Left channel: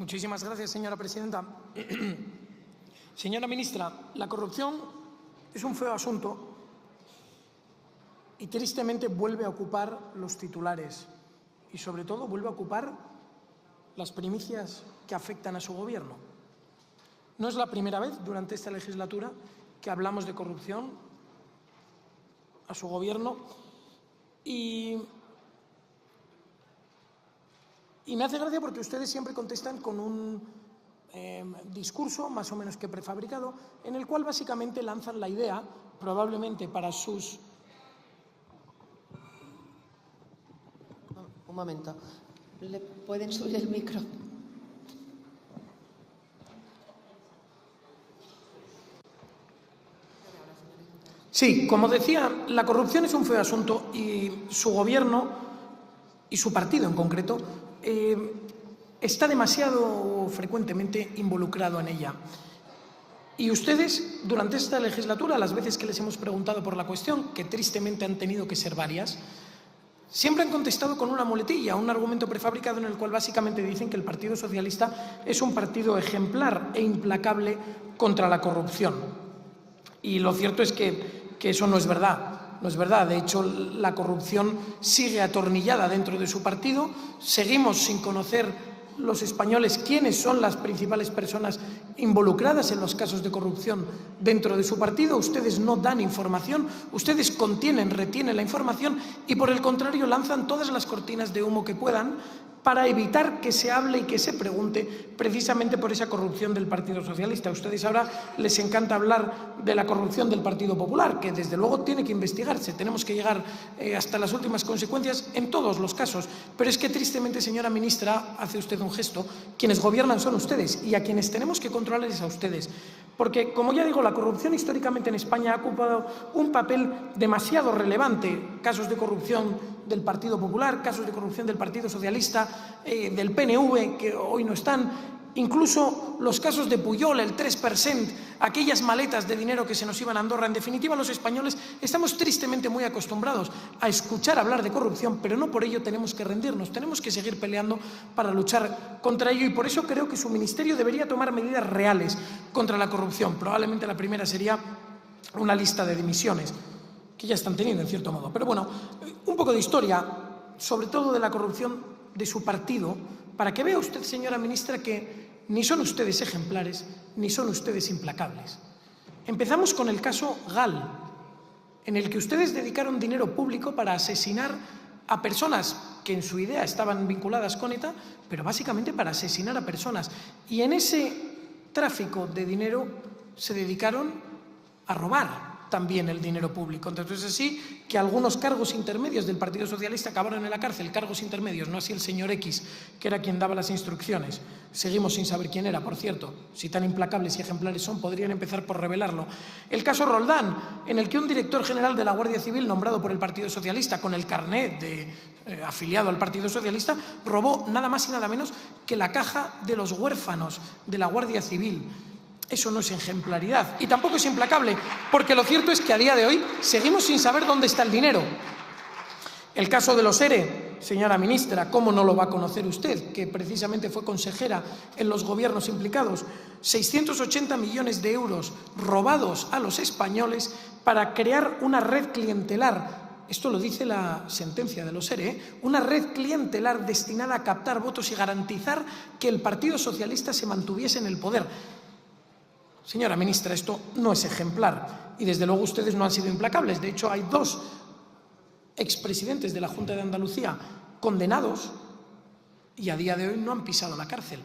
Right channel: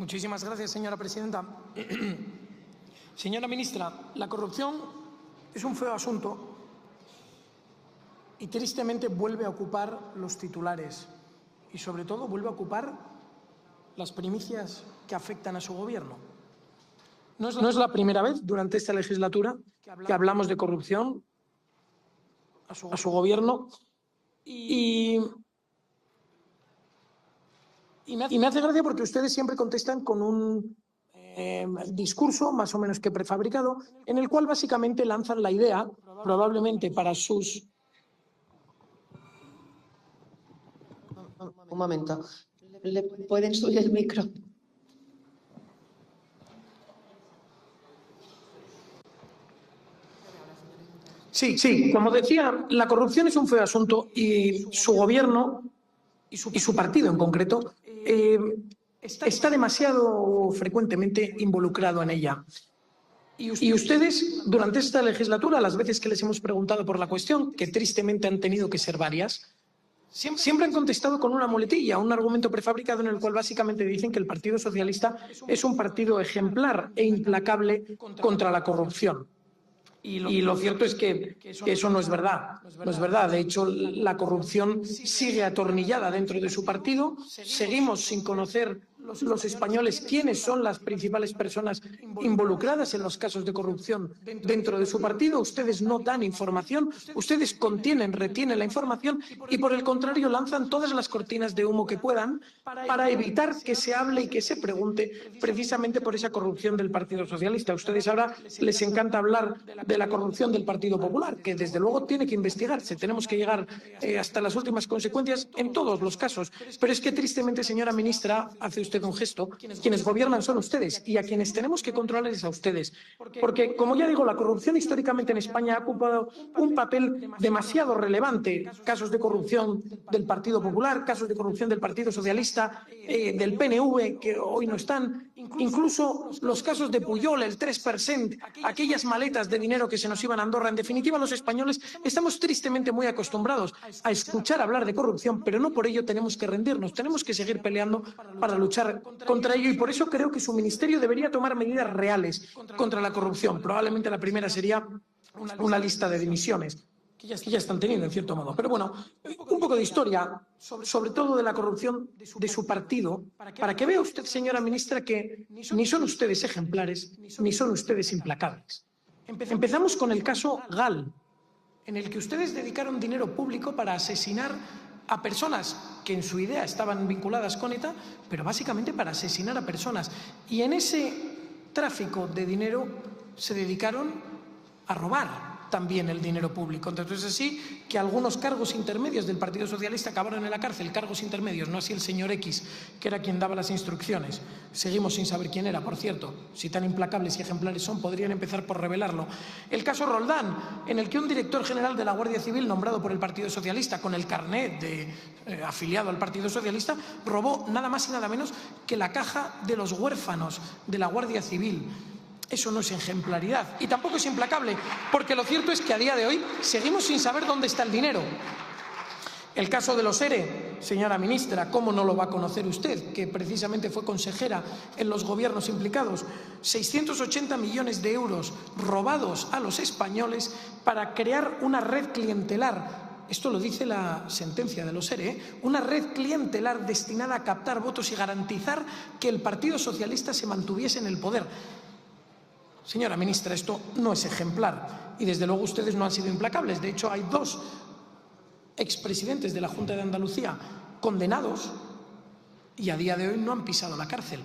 Muchísimas gracias, señora presidenta. Señora ministra, la corrupción es un feo asunto y tristemente vuelve a ocupar los titulares y, sobre todo, vuelve a ocupar las primicias que afectan a su gobierno. No es la primera vez durante esta legislatura que hablamos de corrupción a su gobierno y me hace gracia porque ustedes siempre contestan con un discurso más o menos que prefabricado, en el cual básicamente lanzan la idea, probablemente para sus... Un momento. ¿Le pueden subir el micro? Sí, como decía, la corrupción es un feo asunto y su gobierno y su partido en concreto está demasiado frecuentemente involucrado en ella. Y ustedes durante esta legislatura, las veces que les hemos preguntado por la cuestión, que tristemente han tenido que ser varias, siempre han contestado con una muletilla, un argumento prefabricado en el cual básicamente dicen que el Partido Socialista es un partido ejemplar e implacable contra la corrupción. Y lo cierto es que eso no es verdad. No es verdad. De hecho, la corrupción sigue atornillada dentro de su partido. Seguimos sin conocer los españoles quiénes son las principales personas involucradas en los casos de corrupción dentro de su partido. Ustedes no dan información, ustedes retienen la información y, por el contrario, lanzan todas las cortinas de humo que puedan para evitar que se hable y que se pregunte precisamente por esa corrupción del Partido Socialista. Ustedes ahora les encanta hablar de la corrupción del Partido Popular, que desde luego tiene que investigarse. Tenemos que llegar hasta las últimas consecuencias en todos los casos. Pero es que tristemente, señora ministra, hace usted un gesto. Quienes gobiernan son ustedes y a quienes tenemos que controlar es a ustedes. Porque, como ya digo, la corrupción históricamente en España ha ocupado un papel demasiado relevante. Casos de corrupción del Partido Popular, casos de corrupción del Partido Socialista, del PNV, que hoy no están. Incluso los casos de Pujol, el 3%, aquellas maletas de dinero que se nos iban a Andorra. En definitiva, los españoles estamos tristemente muy acostumbrados a escuchar hablar de corrupción, pero no por ello tenemos que rendirnos, tenemos que seguir peleando para luchar contra ello. Y por eso creo que su ministerio debería tomar medidas reales contra la corrupción. Probablemente la primera sería una lista de decisiones, que ya están teniendo, ¿cierto? Pero bueno, un poco de historia, sobre todo de la corrupción de su partido, para que vea usted, señora ministra, que ni son ustedes ejemplares, ni son ustedes implacables. Empezamos con el caso Gal, en el que ustedes dedicaron dinero público para asesinar a personas que en su idea estaban vinculadas con ETA, pero básicamente para asesinar a personas. Y en ese tráfico de dinero se dedicaron a robar también el dinero público. Entonces, así que algunos cargos intermedios del Partido Socialista acabaron en la cárcel, cargos intermedios, no así el señor X, que era quien daba las instrucciones. Seguimos sin saber quién era, por cierto. Si tan implacables y ejemplares son, podrían empezar por revelarlo. El caso Roldán, en el que un director general de la Guardia Civil, nombrado por el Partido Socialista, con el carnet de afiliado al Partido Socialista, robó nada más y nada menos que la caja de los huérfanos de la Guardia Civil. Eso no es ejemplaridad y tampoco es implacable, porque lo cierto es que a día de hoy seguimos sin saber dónde está el dinero. El caso de los ERE, señora ministra, ¿cómo no lo va a conocer usted? Que precisamente fue consejera en los gobiernos implicados. 680 millones de euros robados a los españoles para crear una red clientelar. Esto lo dice la sentencia de los ERE, una red clientelar destinada a captar votos y garantizar que el Partido Socialista se mantuviese en el poder. Señora ministra, esto no es ejemplar y desde luego ustedes no han sido implacables. De hecho, hay 2 expresidentes de la Junta de Andalucía condenados y a día de hoy no han pisado la cárcel.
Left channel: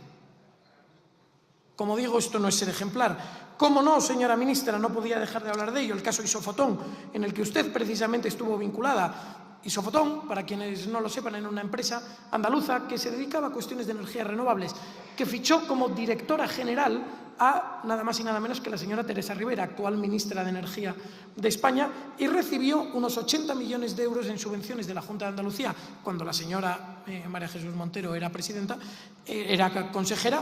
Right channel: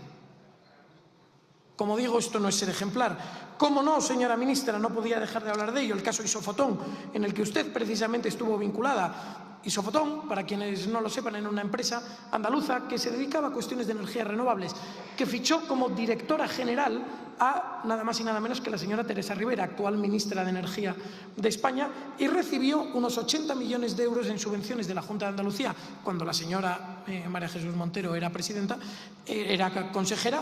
Como digo, esto no es ser ejemplar. ¿Cómo no, señora ministra? No podía dejar de hablar de ello. El caso Isofotón, en el que usted precisamente estuvo vinculada. Isofotón, para quienes no lo sepan, era una empresa andaluza que se dedicaba a cuestiones de energías renovables, que fichó como directora general a nada más y nada menos que la señora Teresa Rivera, actual ministra de Energía de España, y recibió unos 80 millones de euros en subvenciones de la Junta de Andalucía cuando la señora María Jesús Montero era presidenta, era consejera.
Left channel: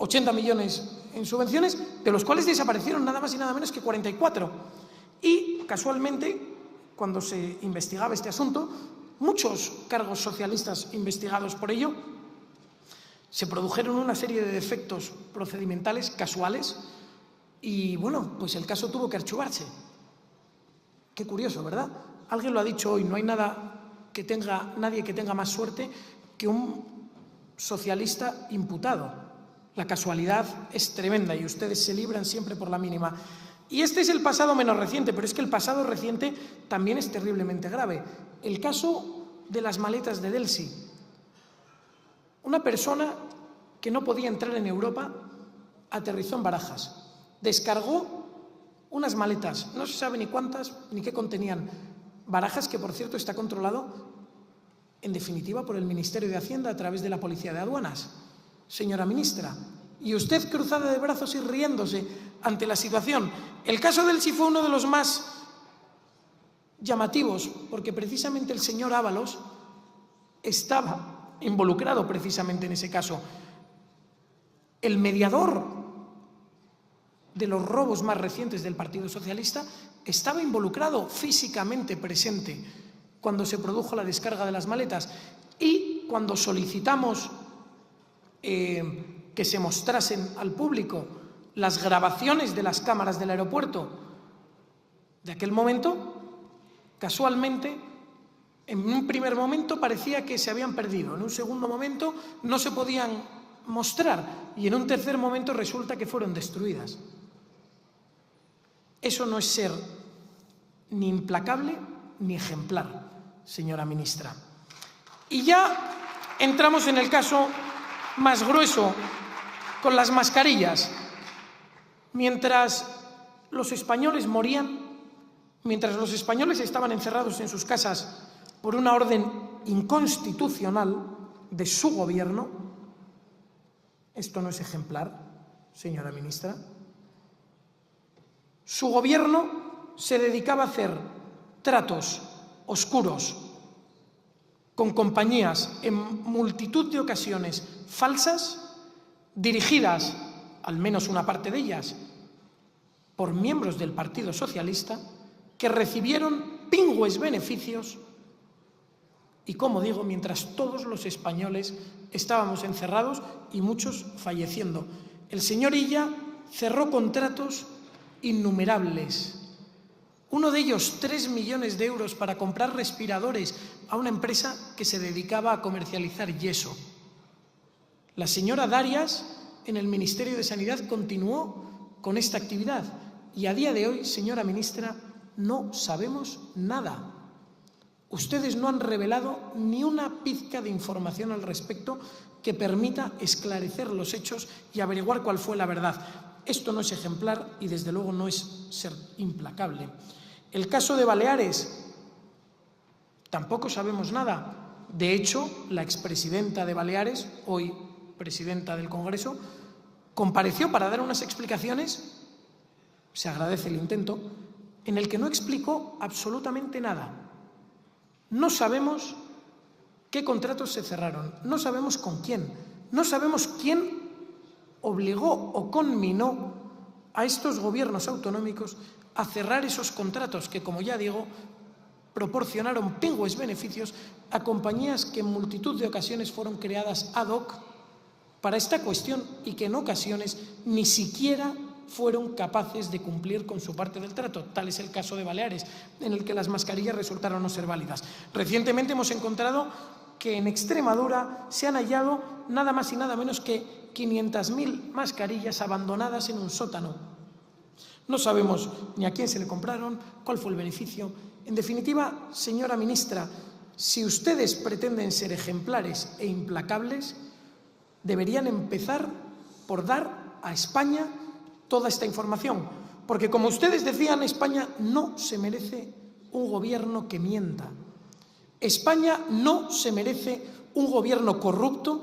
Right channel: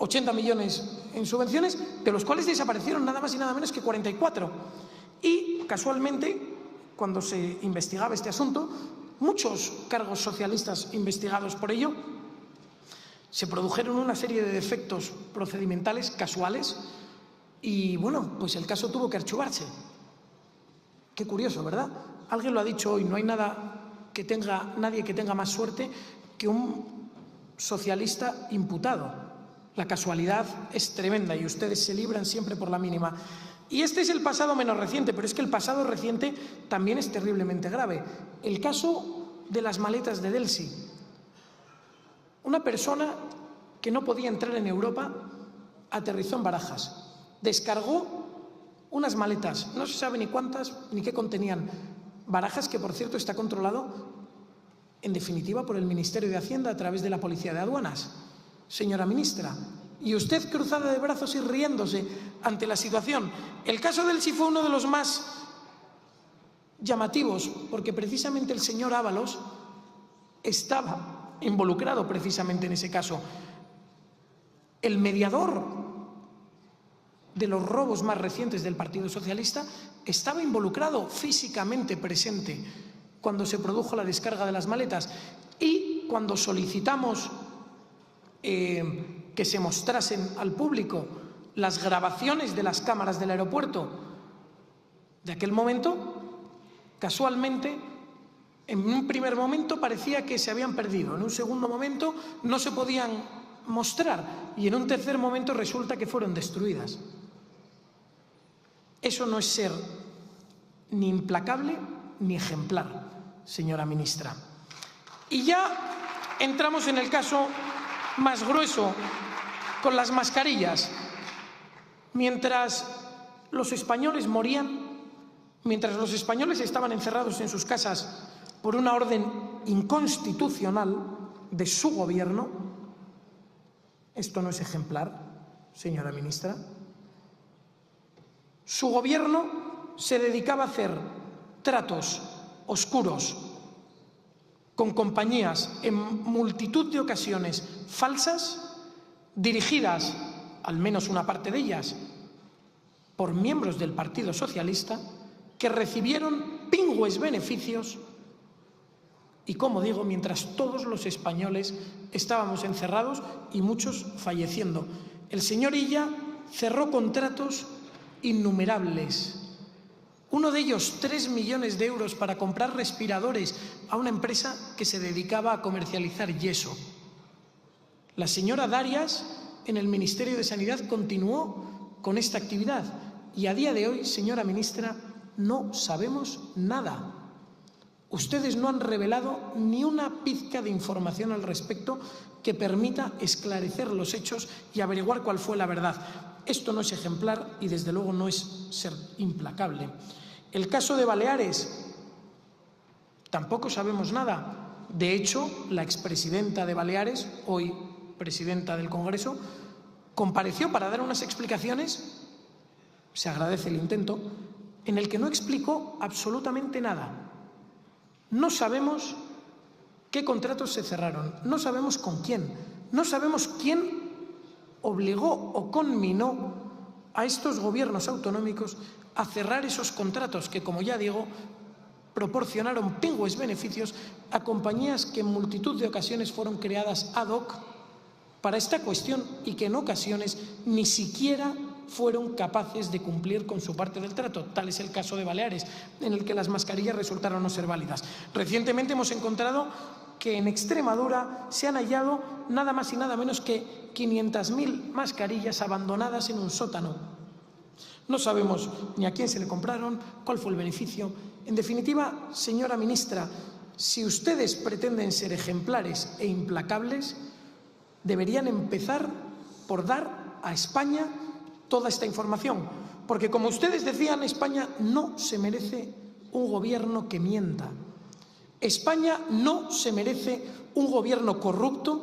80 millones en subvenciones, de los cuales desaparecieron nada más y nada menos que 44. Y, casualmente, cuando se investigaba este asunto, muchos cargos socialistas investigados por ello Se produjeron una serie de defectos procedimentales casuales y, bueno, pues el caso tuvo que archivarse. Qué curioso, ¿verdad? Alguien lo ha dicho hoy, no hay nadie que tenga más suerte que un socialista imputado. La casualidad es tremenda y ustedes se libran siempre por la mínima. Y este es el pasado menos reciente, pero es que el pasado reciente también es terriblemente grave. El caso de las maletas de Delsi. Una persona que no podía entrar en Europa aterrizó en Barajas, descargó unas maletas, no se sabe ni cuántas ni qué contenían. Barajas, que por cierto está controlado en definitiva por el Ministerio de Hacienda a través de la Policía de Aduanas, señora ministra. Y usted cruzada de brazos y riéndose ante la situación. El caso del sí fue uno de los más llamativos, porque precisamente el señor Ábalos estaba involucrado precisamente en ese caso. El mediador de los robos más recientes del Partido Socialista estaba involucrado, físicamente presente, cuando se produjo la descarga de las maletas. Y cuando solicitamos que se mostrasen al público las grabaciones de las cámaras del aeropuerto de aquel momento, casualmente, en un primer momento parecía que se habían perdido, en un segundo momento no se podían mostrar y en un tercer momento resulta que fueron destruidas. Eso no es ser ni implacable ni ejemplar, señora ministra. Y ya entramos en el caso más grueso, con las mascarillas. Mientras los españoles morían, mientras los españoles estaban encerrados en sus casas por una orden inconstitucional de su gobierno, ¿esto no es ejemplar, señora ministra? Su gobierno se dedicaba a hacer tratos oscuros con compañías en multitud de ocasiones falsas, dirigidas, al menos una parte de ellas, por miembros del Partido Socialista, que recibieron pingües beneficios y, como digo, mientras todos los españoles estábamos encerrados y muchos falleciendo. El señor Illa cerró contratos innumerables. Uno de ellos, 3 millones de euros para comprar respiradores a una empresa que se dedicaba a comercializar yeso. La señora Darias, en el Ministerio de Sanidad, continuó con esta actividad y a día de hoy, señora ministra, no sabemos nada. Ustedes no han revelado ni una pizca de información al respecto que permita esclarecer los hechos y averiguar cuál fue la verdad. Esto no es ejemplar y, desde luego, no es ser implacable. El caso de Baleares, tampoco sabemos nada. De hecho, la expresidenta de Baleares, hoy presidenta del Congreso, compareció para dar unas explicaciones, se agradece el intento, en el que no explicó absolutamente nada. No sabemos qué contratos se cerraron, no sabemos con quién, no sabemos quién obligó o conminó a estos gobiernos autonómicos a cerrar esos contratos que, como ya digo, proporcionaron pingües beneficios a compañías que en multitud de ocasiones fueron creadas ad hoc para esta cuestión y que en ocasiones ni siquiera fueron capaces de cumplir con su parte del trato. Tal es el caso de Baleares, en el que las mascarillas resultaron no ser válidas. Recientemente hemos encontrado que en Extremadura se han hallado nada más y nada menos que 500.000 mascarillas abandonadas en un sótano. No sabemos ni a quién se le compraron, cuál fue el beneficio. En definitiva, señora ministra, si ustedes pretenden ser ejemplares e implacables, deberían empezar por dar a España toda esta información. Porque, como ustedes decían, España no se merece un gobierno que mienta. España no se merece un gobierno corrupto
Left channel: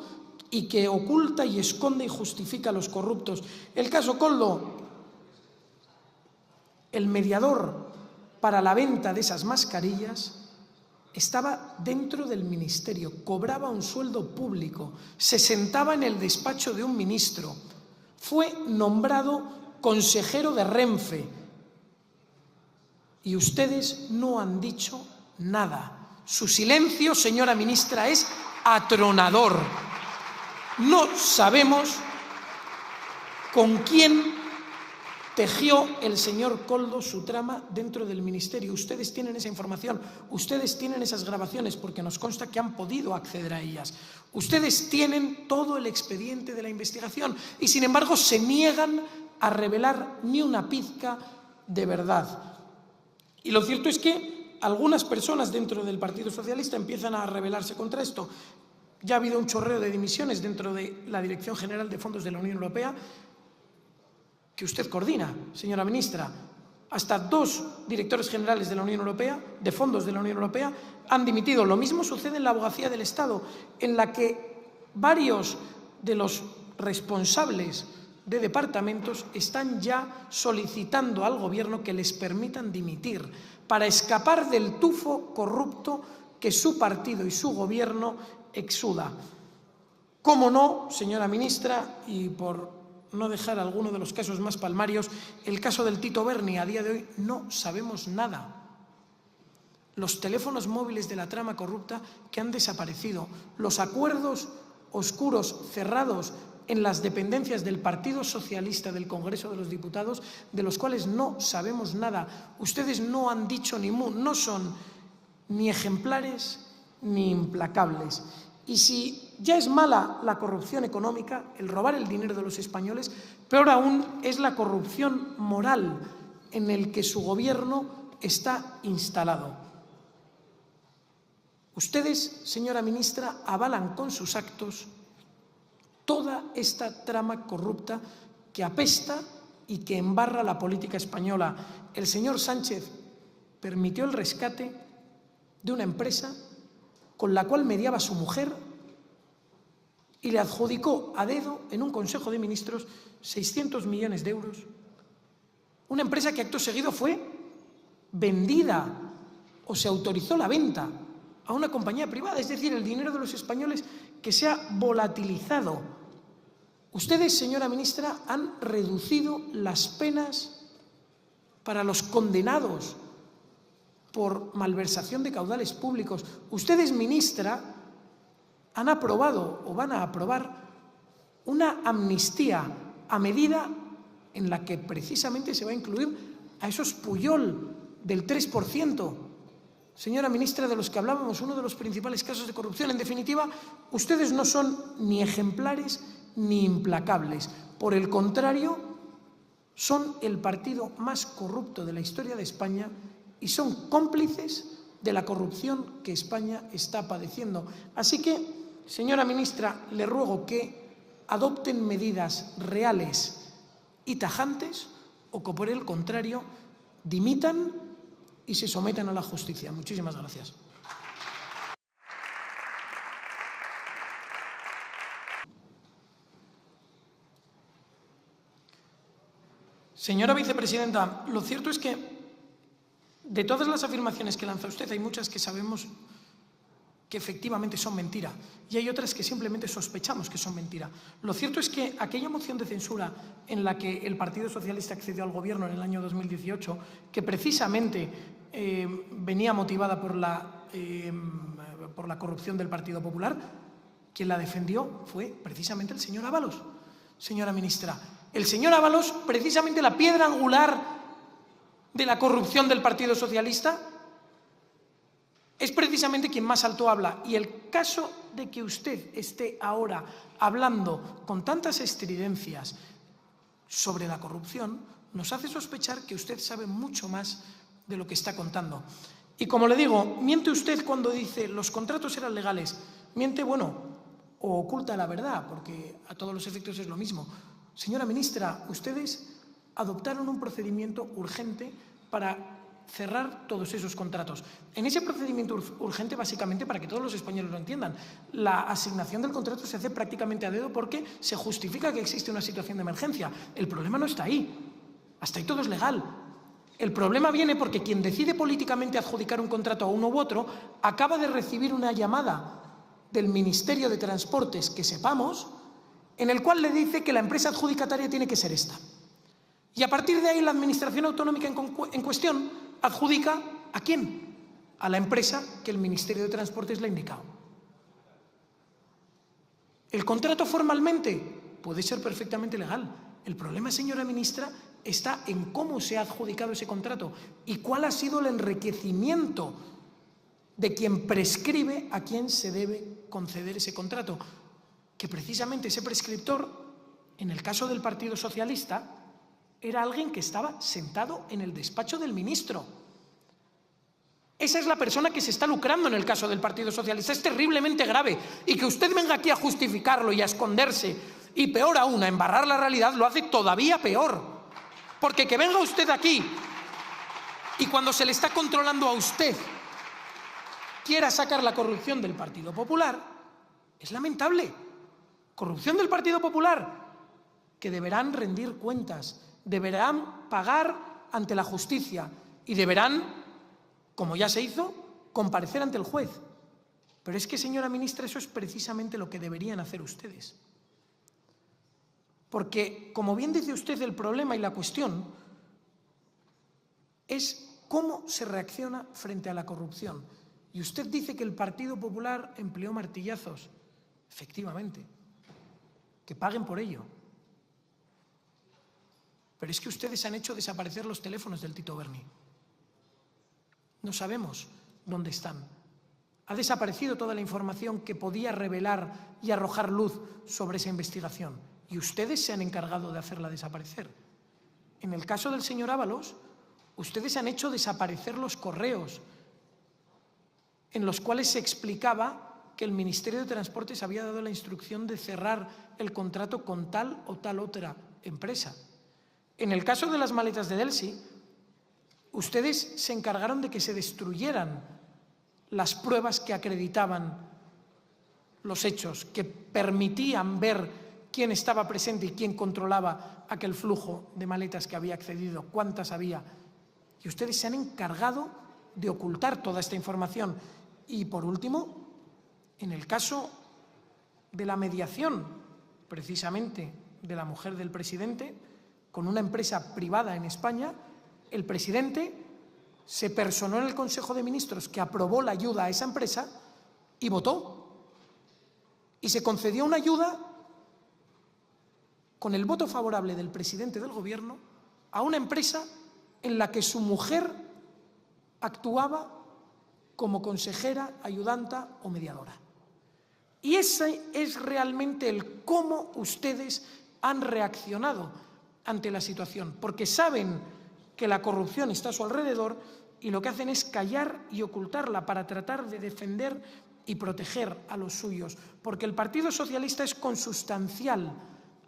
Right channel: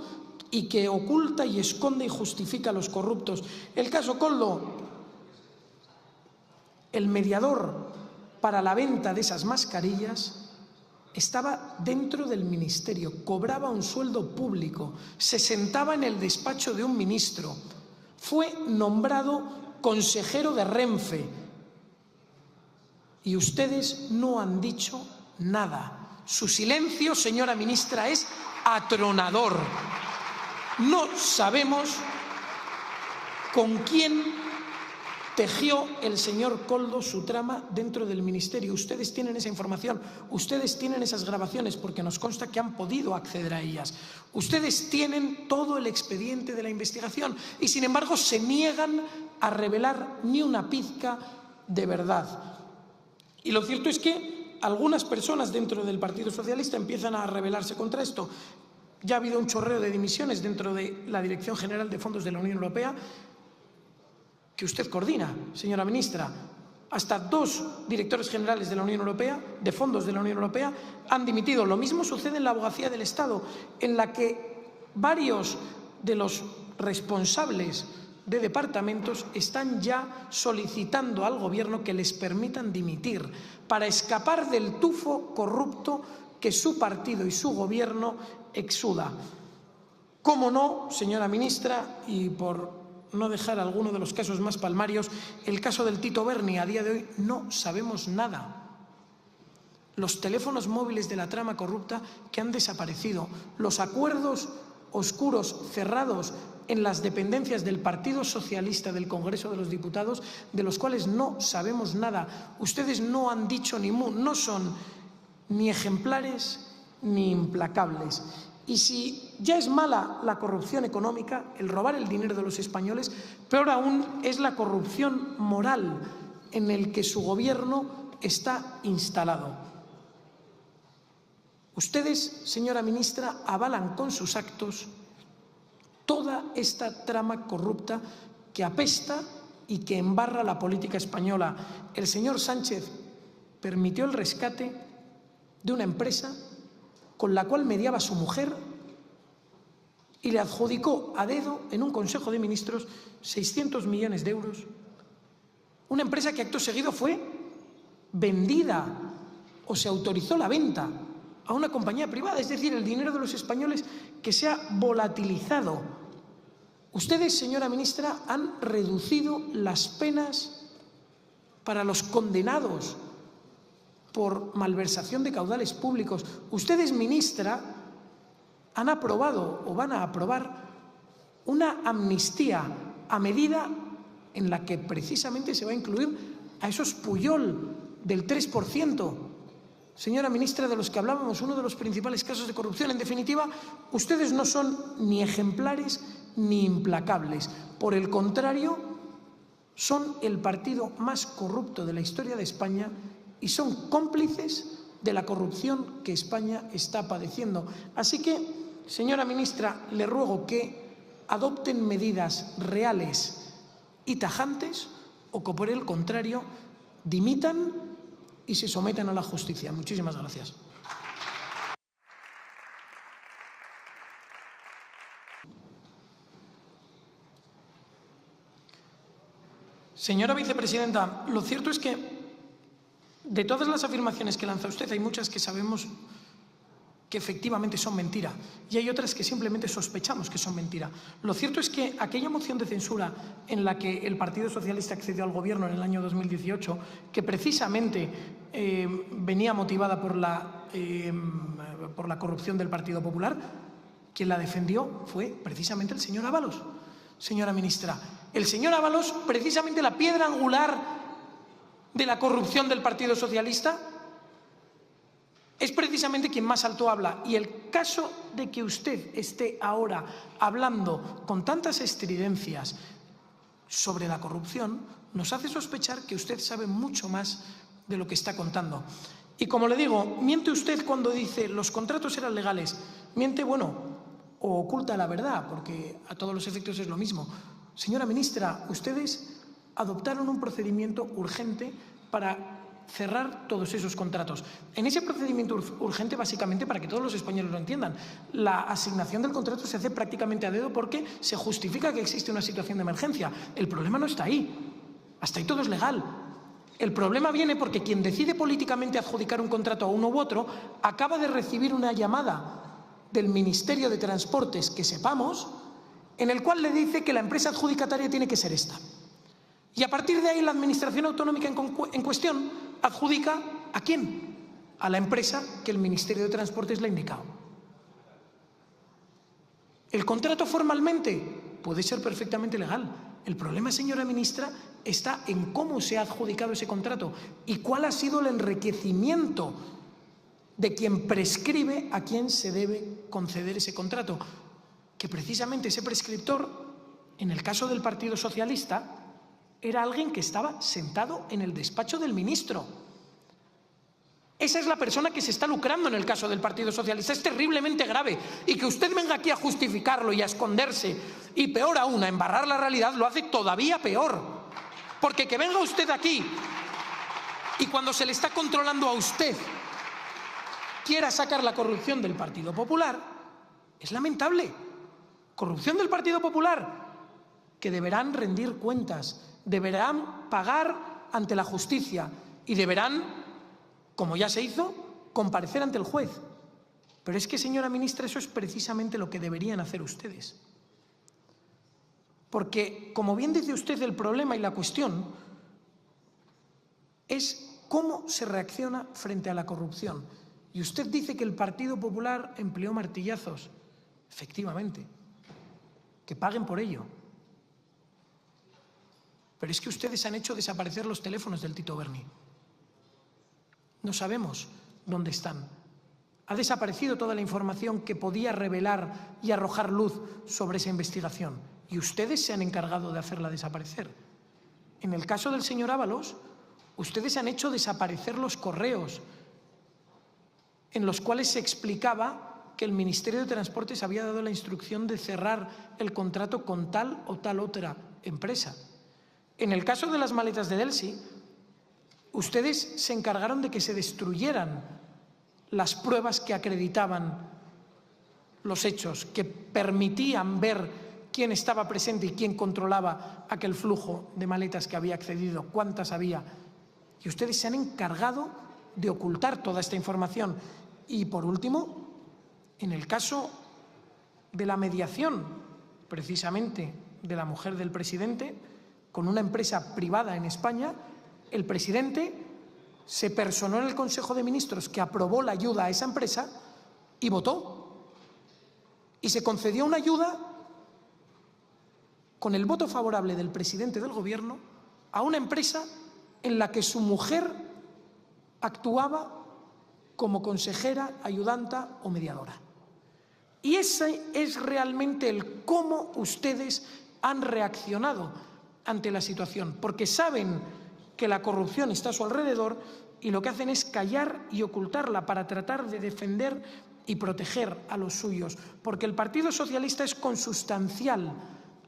y que oculta y esconde y justifica a los corruptos. El caso Koldo, el mediador para la venta de esas mascarillas, estaba dentro del ministerio, cobraba un sueldo público, se sentaba en el despacho de un ministro, fue nombrado consejero de Renfe y ustedes no han dicho nada. Su silencio, señora ministra, es atronador. No sabemos con quién tejió el señor Koldo su trama dentro del ministerio. Ustedes tienen esa información, ustedes tienen esas grabaciones, porque nos consta que han podido acceder a ellas. Ustedes tienen todo el expediente de la investigación y, sin embargo, se niegan a revelar ni una pizca de verdad. Y lo cierto es que algunas personas dentro del Partido Socialista empiezan a rebelarse contra esto. Ya ha habido un chorreo de dimisiones dentro de la Dirección General de Fondos de la Unión Europea, que usted coordina, señora ministra. Hasta 2 directores generales de la Unión Europea, de fondos de la Unión Europea, han dimitido. Lo mismo sucede en la Abogacía del Estado, en la que varios de los responsables de departamentos están ya solicitando al Gobierno que les permitan dimitir para escapar del tufo corrupto que su partido y su Gobierno exuda. ¿Cómo no, señora ministra? Y por no dejar alguno de los casos más palmarios, el caso del Tito Berni. A día de hoy no sabemos nada. Los teléfonos móviles de la trama corrupta que han desaparecido, los acuerdos oscuros cerrados en las dependencias del Partido Socialista del Congreso de los Diputados, de los cuales no sabemos nada. Ustedes no han dicho ni mu, no son ni ejemplares ni implacables. Y si ya es mala la corrupción económica, el robar el dinero de los españoles, peor aún es la corrupción moral en el que su Gobierno está instalado. Ustedes, señora ministra, avalan con sus actos toda esta trama corrupta que apesta y que embarra la política española. El señor Sánchez permitió el rescate de una empresa con la cual mediaba su mujer y le adjudicó a dedo en un Consejo de Ministros 600 millones de euros. Una empresa que acto seguido fue vendida o se autorizó la venta a una compañía privada, es decir, el dinero de los españoles que se ha volatilizado. Ustedes, señora ministra, han reducido las penas para los condenados por malversación de caudales públicos. Ustedes, ministra, han aprobado o van a aprobar una amnistía a medida en la que precisamente se va a incluir a esos Pujol del 3%. Señora ministra, de los que hablábamos, uno de los principales casos de corrupción. En definitiva, ustedes no son ni ejemplares ni implacables. Por el contrario, son el partido más corrupto de la historia de España y son cómplices de la corrupción que España está padeciendo. Así que, señora ministra, le ruego que adopten medidas reales y tajantes o que, por el contrario, dimitan y se sometan a la justicia. Muchísimas gracias. Señora vicepresidenta, lo cierto es que de todas las afirmaciones que lanza usted, hay muchas que sabemos que efectivamente son mentira y hay otras que simplemente sospechamos que son mentira. Lo cierto es que aquella moción de censura en la que el Partido Socialista accedió al Gobierno en el año 2018, que precisamente venía motivada por la corrupción del Partido Popular, quien la defendió fue precisamente el señor Ábalos. Señora ministra, el señor Ábalos, precisamente la piedra angular de la corrupción del Partido Socialista, es precisamente quien más alto habla. Y el caso de que usted esté ahora hablando con tantas estridencias sobre la corrupción nos hace sospechar que usted sabe mucho más de lo que está contando. Y como le digo, miente usted cuando dice los contratos eran legales. Miente, bueno, o oculta la verdad, porque a todos los efectos es lo mismo. Señora ministra, ustedes adoptaron un procedimiento urgente para cerrar todos esos contratos. En ese procedimiento urgente, básicamente, para que todos los españoles lo entiendan, la asignación del contrato se hace prácticamente a dedo porque se justifica que existe una situación de emergencia. El problema no está ahí. Hasta ahí todo es legal. El problema viene porque quien decide políticamente adjudicar un contrato a uno u otro acaba de recibir una llamada del Ministerio de Transportes, que sepamos, en el cual le dice que la empresa adjudicataria tiene que ser esta. Y a partir de ahí la Administración Autonómica en cuestión adjudica ¿a quién? A la empresa que el Ministerio de Transportes le ha indicado. El contrato formalmente puede ser perfectamente legal. El problema, señora ministra, está en cómo se ha adjudicado ese contrato y cuál ha sido el enriquecimiento de quien prescribe a quién se debe conceder ese contrato. Que precisamente ese prescriptor, en el caso del Partido Socialista, era alguien que estaba sentado en el despacho del ministro. Esa es la persona que se está lucrando en el caso del Partido Socialista. Es terriblemente grave. Y que usted venga aquí a justificarlo y a esconderse, y peor aún, a embarrar la realidad, lo hace todavía peor. Porque que venga usted aquí y cuando se le está controlando a usted quiera sacar la corrupción del Partido Popular, es lamentable. Corrupción del Partido Popular, que deberán rendir cuentas, deberán pagar ante la justicia y deberán, como ya se hizo, comparecer ante el juez. Pero es que, señora ministra, eso es precisamente lo que deberían hacer ustedes. Porque, como bien dice usted, el problema y la cuestión es cómo se reacciona frente a la corrupción. Y usted dice que el Partido Popular empleó martillazos. Efectivamente. Que paguen por ello. Pero es que ustedes han hecho desaparecer los teléfonos del Tito Berni. No sabemos dónde están. Ha desaparecido toda la información que podía revelar y arrojar luz sobre esa investigación. Y ustedes se han encargado de hacerla desaparecer. En el caso del señor Ábalos, ustedes han hecho desaparecer los correos en los cuales se explicaba que el Ministerio de Transportes había dado la instrucción de cerrar el contrato con tal o tal otra empresa. En el caso de las maletas de Delcy, ustedes se encargaron de que se destruyeran las pruebas que acreditaban los hechos, que permitían ver quién estaba presente y quién controlaba aquel flujo de maletas que había accedido, cuántas había. Y ustedes se han encargado de ocultar toda esta información. Y, por último, en el caso de la mediación, precisamente, de la mujer del presidente, con una empresa privada en España, el presidente se personó en el Consejo de Ministros que aprobó la ayuda a esa empresa y votó. Y se concedió una ayuda con el voto favorable del presidente del Gobierno a una empresa en la que su mujer actuaba como consejera, ayudanta o mediadora. Y ese es realmente el cómo ustedes han reaccionado ante la situación, porque saben que la corrupción está a su alrededor y lo que hacen es callar y ocultarla para tratar de defender y proteger a los suyos, porque el Partido Socialista es consustancial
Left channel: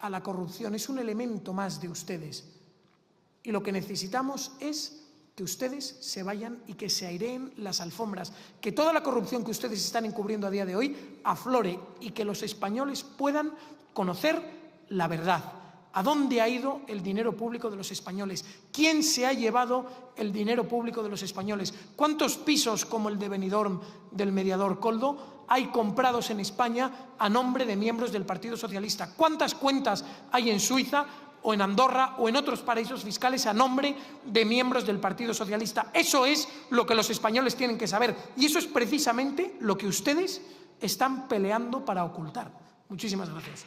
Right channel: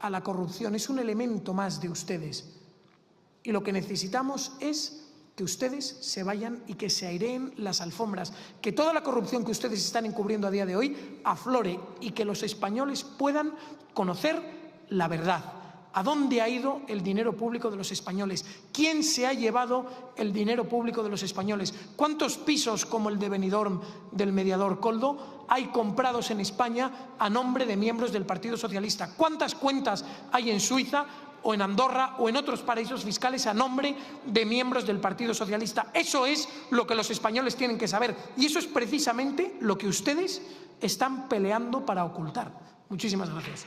a la corrupción, es un elemento más de ustedes. Y lo que necesitamos es que ustedes se vayan y que se aireen las alfombras, que toda la corrupción que ustedes están encubriendo a día de hoy aflore y que los españoles puedan conocer la verdad. ¿A dónde ha ido el dinero público de los españoles? ¿Quién se ha llevado el dinero público de los españoles? ¿Cuántos pisos como el de Benidorm del mediador Koldo hay comprados en España a nombre de miembros del Partido Socialista? ¿Cuántas cuentas hay en Suiza o en Andorra o en otros paraísos fiscales a nombre de miembros del Partido Socialista? Eso es lo que los españoles tienen que saber y eso es precisamente lo que ustedes están peleando para ocultar. Muchísimas gracias.